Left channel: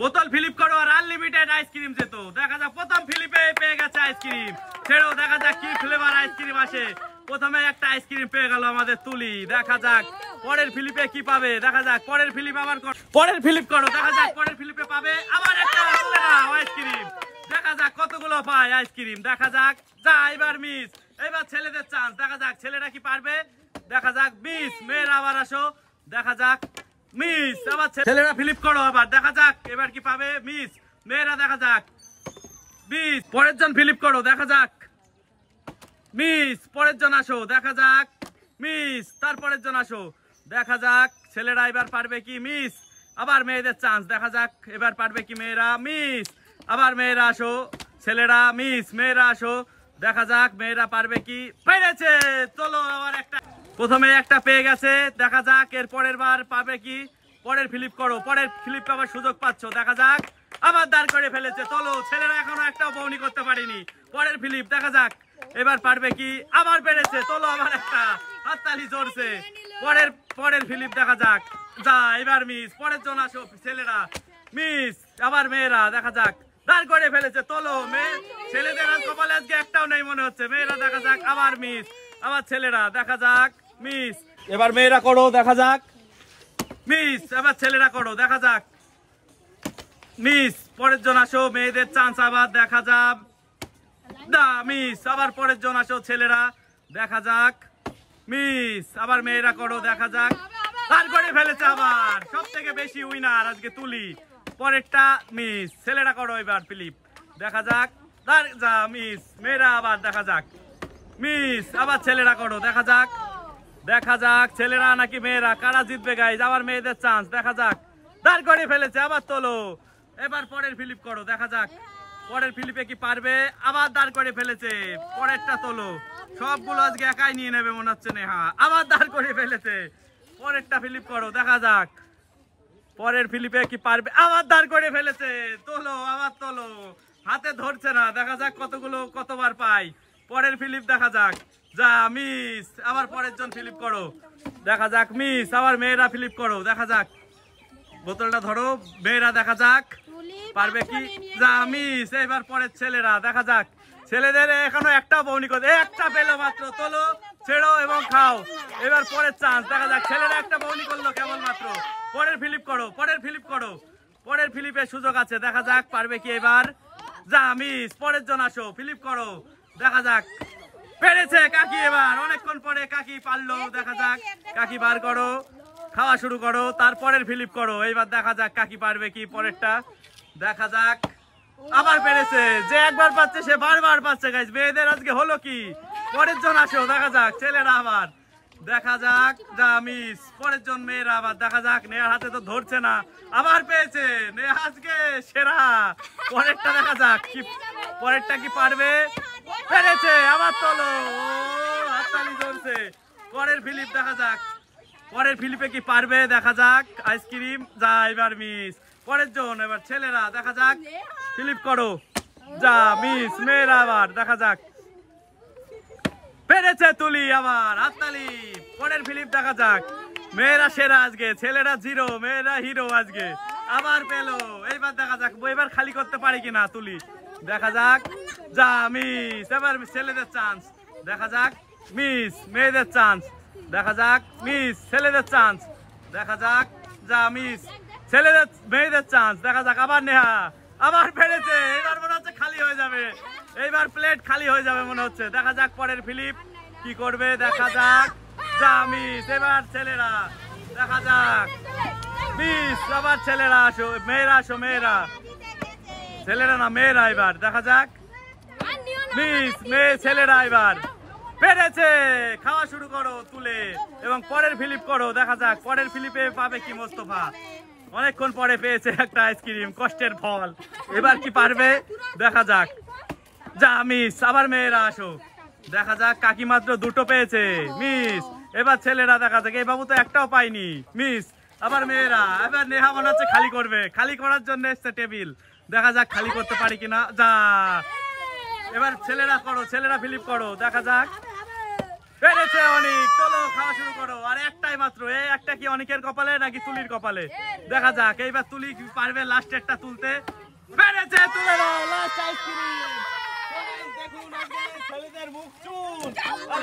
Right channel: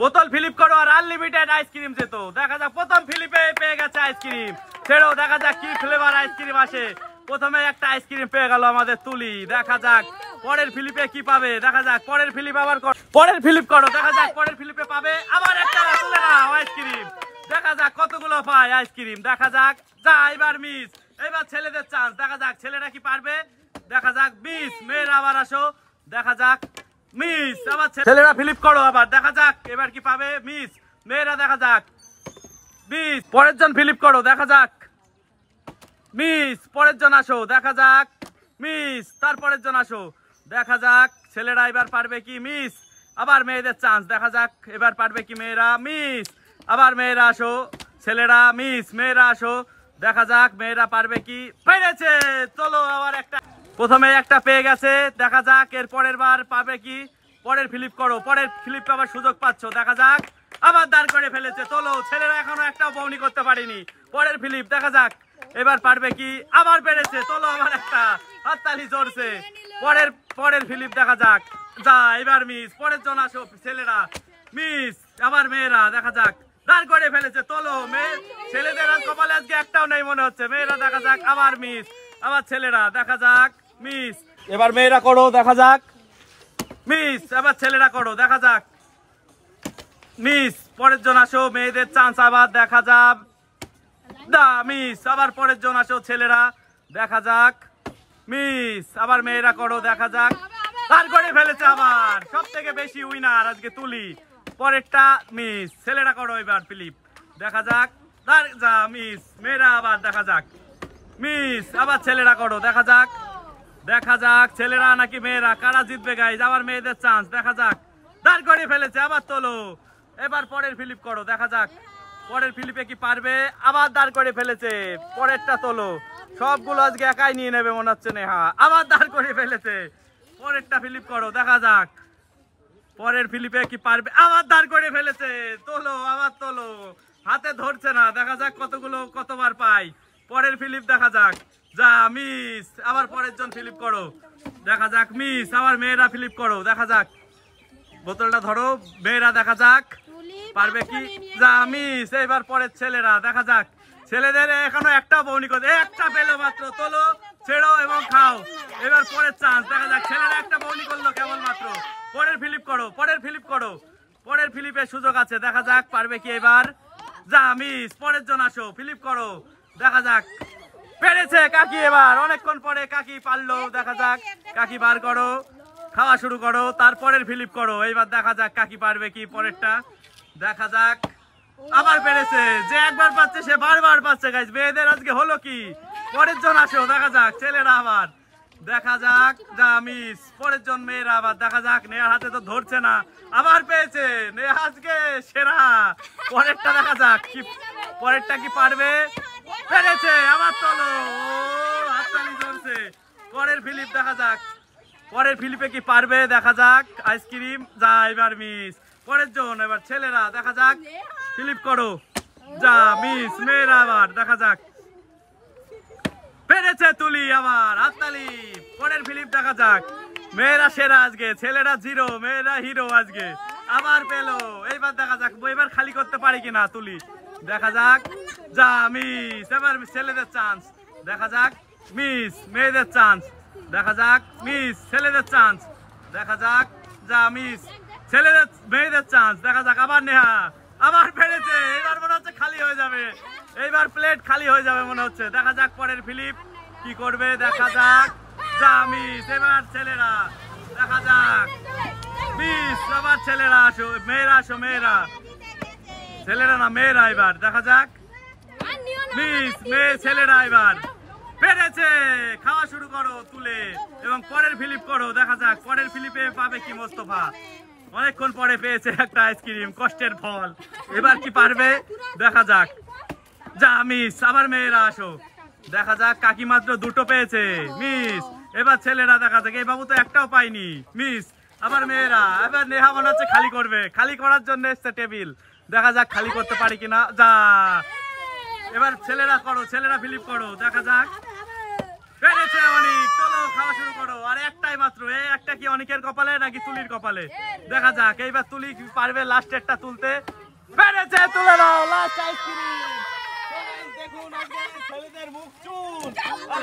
বোতল ফিলিপ করো আর unlimited ice cream যেত। দেখা যাক প্রথম ফিলিপে পেয়ে গেছে আইসক্রিম। ছেড়ো, দেখা যাক কি ফ্লেভার আইসক্রিম আসে। প্রথমে একটা আইসক্রিম পেয়ে গেল আমাদের তুলি। দেখা যাক পরের ফিলিপে কি পাবে। দেখা যাক পরের ফিলিপ আবার পরের ফিলিপ করো। দেখা যাক পরের ফিলিপে পাবে আবার একটা আইসক্রিম। দেখা যাক কতগুলো পায় আইসক্রিম। দেখা যাক যা এবার মিস। এবার ছেলেদের চান্স। দেখা যাক ছেলেরা কি পারবে। দেখা যাক মিস। মেয়েরা আবার আসো। দেখা যাক মিস। আবার ছেলেরা ফিলিপ করো আবার। দেখা যাক এবার কি পাবে। মিস। মেয়েরা দেখা যাক মিস। পরের জন ফিলিপ করো। দেখা যাক মিস। পরের জন আসো। দেখা যাক মিস। তারপরের জন আসো। দেখা যাক ছেলেরা এবার পারবে কি। মিস। আবার মেয়েদের চান্স। দেখা যাক এবার পারবে কি মেয়েরা। মিস। আবার মেয়েরা আসো। ছেলেরা মিস। মেয়েরা আসো। দেখা যাক মেয়েরা পারবে কি। পেরেছে। চলো আবার একটা। প্রথমে একটা পেয়ে গেছে। দেখা যাক এর পরের বার পাবে কি। পরের ফিলিপ করো। পরের ফিলিপ পাবার সুযোগ পাচ্ছ। দেখা যাক আবার দাঁড় করে ফেলেছে। চলো ছেলেরা এখনো একটাও বউনি করতে পারেনি। পরের ফিলিপ দেখা যাক এবার পারবে কি। আবার পেরেছে। চলো আবার একটা। হাততালি চড়ছে। পরের ফিলিপ দেখা যাক। যা এবার মিস। পরের জন আসো। ছেলেরা মিস। আবার মেয়েরা দেখা যাক দাঁড় করে ফেলেছে। চলো ছেলেদের আর কপালে আজকে একটাও নেই মনে হচ্ছে। মেয়েরা দেখা যাক আবার মিস। আবার ছেলেরা দেখা যাক মিস। এবার মেয়েরা করো। দেখা যাক মিস। আবার ছেলেরা করো। দেখা যাক মিস। পরের জন আসো। মেয়েদের চান্স আবার। দেখা যাক দা মিস। আবার পরের জন আসো। ছেলেরা দেখা যাক মিস। আবার মেয়েরা করো। দেখা যাক দাঁড় করে ফেলেছে। আবার সব থেকে বেশি উইনার আজকে তুলি। পরেরটা মিস। ছেলেরা করো এবার ফিলিপ। দেখা যাক যা মিস। মেয়েরা আবার দেখা যাক মিস। আবার ছেলেরা করো। দেখা যাক ছেলেরা নাকি মেয়েরা কারা জিতবে গাইজ। আবার মেয়েদের চান্স। দেখা যাক দাঁড় করে ফেলেছে। আবার তোলো। এবার পরের ফিলিপ করো। দেখা যাক পরের ফিলিপে কি পারবে। আবার দাঁড় করে ফেলেছে। পরেরটা তোলো। সবগুলো আজকে একাই নিয়ে নেবে মনে হচ্ছে নেহা। আবার দাঁড় করে ফেলেছে। পরেরটা ফিলিপ করো। দেখা যাক পরের ফিলিপে কি পারবে। আবার দাঁড় করে ফেলেছে। তোলো। আবার তোলো। হাতে ধরছে না। দেখা যাক কতবার পাই। পরের ফিলিপ দেখা যাক যা মিস। আবার পরের জন ফিলিপ করো। দেখা যাক মিস। আবার মেয়েরা ফিলিপ করো। দেখা যাক বোতলটা ধরো। মেয়েরা দেখা যাক পারবে কি। যা মিস। এবার পরের ছেলেরা দেখা যাক। ছেলেদের এখনো একটা বউনি করে। একটা পেলো মাত্র। তোলো, ছেড়ো এবং খাও। এবার পরের চান্স। দেখা যাক ছেলেরা একটা বউনি করলো কেবল মাত্র। পরের ফিলিপ করো। পরের ফিলিপের সুযোগ আছে। দেখা যাক পারবে কি এবার। যা মিস। পরের জন আসো। ফিলিপ করো। দেখা যাক পেরেছে কাকি। এবার অনেকক্ষণ পরে কাকি পারলো। দেখা যাক কাকি বার করো। খাওয়া শুরু করো। তারপরের ফিলিপ করো। এইবার দেখা যাক কাকি পারবে কি। পরেরটা দেখা যাক আবার পেরেছে। যে একবার পাচ্ছে সে বারবার পাচ্ছে গাইজ। মেয়েদের আজকে হলো কি। পরের জন আসো। দেখা যাক ছেলেরা আবার। দেখা যাক যা মিস। পরের জন মেয়েরা আবার। দেখা যাক নেহার হাতে তো ধরছে না। আবার পেয়েছে নেহা আজকে সেরা। পরেরটা দেখা যাক কি। পরেরটা কি পারবে। পেরেছে। আবার তোলো। হাততালি জ্বলছে। পরের ফিলিপ দেখা যাক। পরের ফিলিপে কি পারবে। দেখা যাক আইসক্রিম। যা এবার মিস। পরের জন এবার ছেলেরা দেখা যাক ফিলিপ করো। যা মিস। মেয়েরা আবার দেখা যাক পেরেছে তুলি। আবার হাততালি। পরের ফিলিপ দেখা যাক। মেয়েরা সেরা আজকে। ছেলেরা জিরো। মেয়েরা হিরো আজকে। আবার পেলো। এইবার দেখা যাক এবার খালি করতে পারি কিনা তুলি। দেখা যাক যা মিস। এবার ছেলেদের চান্স। দেখা যাক মিস। মেয়েদের চান্স। দেখা যাক মিস। ছেলেদের চান্স। দেখা যাক যা মিস। মেয়েদের চান্স। দেখা যাক আবার নেহা। আবার পেরেছে। এবার মনে হচ্ছে খালি হয়ে যাবে। এইবার প্লেট খালি হয়ে যাবে মনে হচ্ছে। দেখা যাক পরের ফিলিপ কি করবে। দেখা যাক যা মিস। এবার ছেলেরা দেখা যাক মিস। আবার ছেলেরা আসো। মেয়েরা আসো। ছেলেরা না মেয়েরা এবার। দেখা যাক মিস। ছেলেরা এবার পেরেছে। খাওয়া শুরু করো তুলে এবং পরের ফিলিপ করো। দেখা যাক পরের ফিলিপে পাবে কি মোস্তফা। অনেকক্ষণ পরে পেয়েছে একটা আইসক্রিম। কষ্টের ফল। এবার কি পারবে। দেখা যাক যা মিস। আবার মেয়েরা আসো। দেখা যাক কাকি মাত্র দুটো পেয়েছে। মিস। এবার ছেলেরা দেখা যাক। এই বাবু তো একটাও পাইনি। মিস। আবার মেয়েরা। এবার নেহা মনে হচ্ছে খালি করবে। খালি করার জন্য এসছে টেবিল। দেখা যাক খালি করতে পারি কিনা। যা এবার ছেলেরা করো। ছেলেরা ফিলিপ করো। দেখা যাক পেরেছে অনেক, চলো খাওয়া শুরু করো। আর একটাই মাত্র, এই একটা কি অনেকের কপালে নাকি তুলির কপালে, দেখা যাক। এইবার তুলি পারবে লাস্ট একটা তুলতে, পেরেছে, তুলে নাও লাস্ট আইসক্রিম। দেখুন ছেলেদের মুখ চুন আর